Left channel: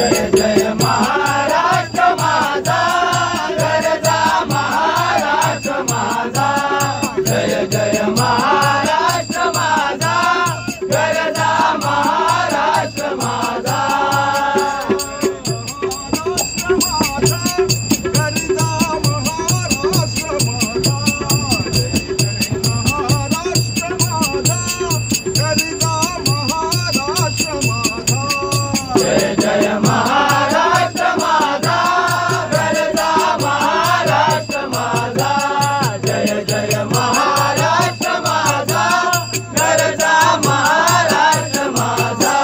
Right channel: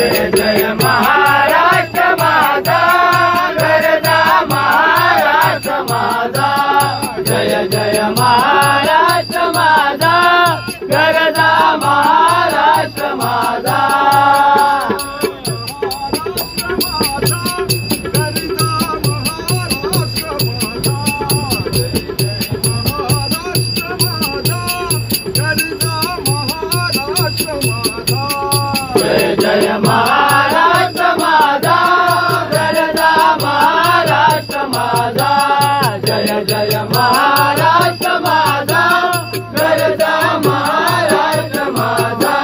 जय जय महाराष्ट्र माझा गरजा महाराष्ट्र माझा जय जय महाराष्ट्र माझा गरजा महाराष्ट्र माझा जय जय महाराष्ट्र माझा गरजा महाराष्ट्र माझा जय जय महाराष्ट्र माझा गरजा महाराष्ट्र माझा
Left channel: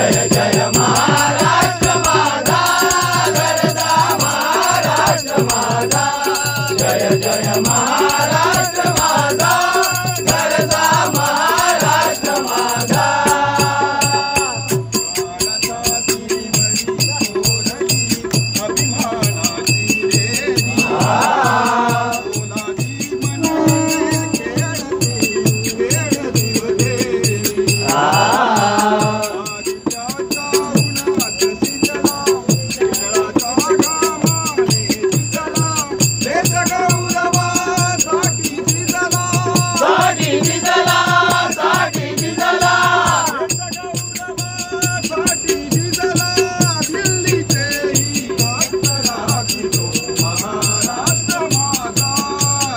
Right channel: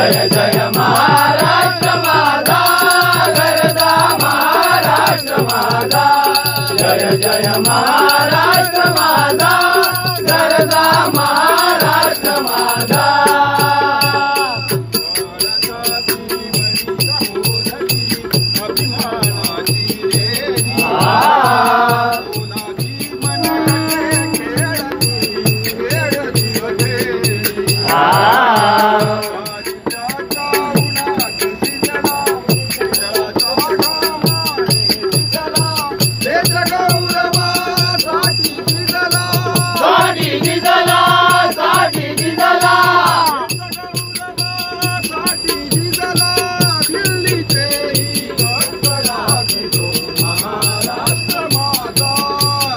जय जय महाराष्ट्र माझा गरजा महाराष्ट्र माझा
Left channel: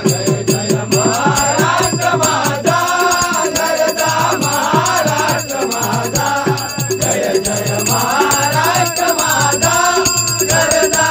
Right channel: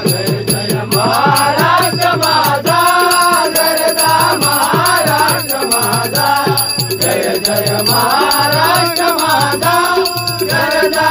जय जय महाराष्ट्र माझा गरजा महाराष्ट्र माझा जय जय महाराष्ट्र माझा गरजा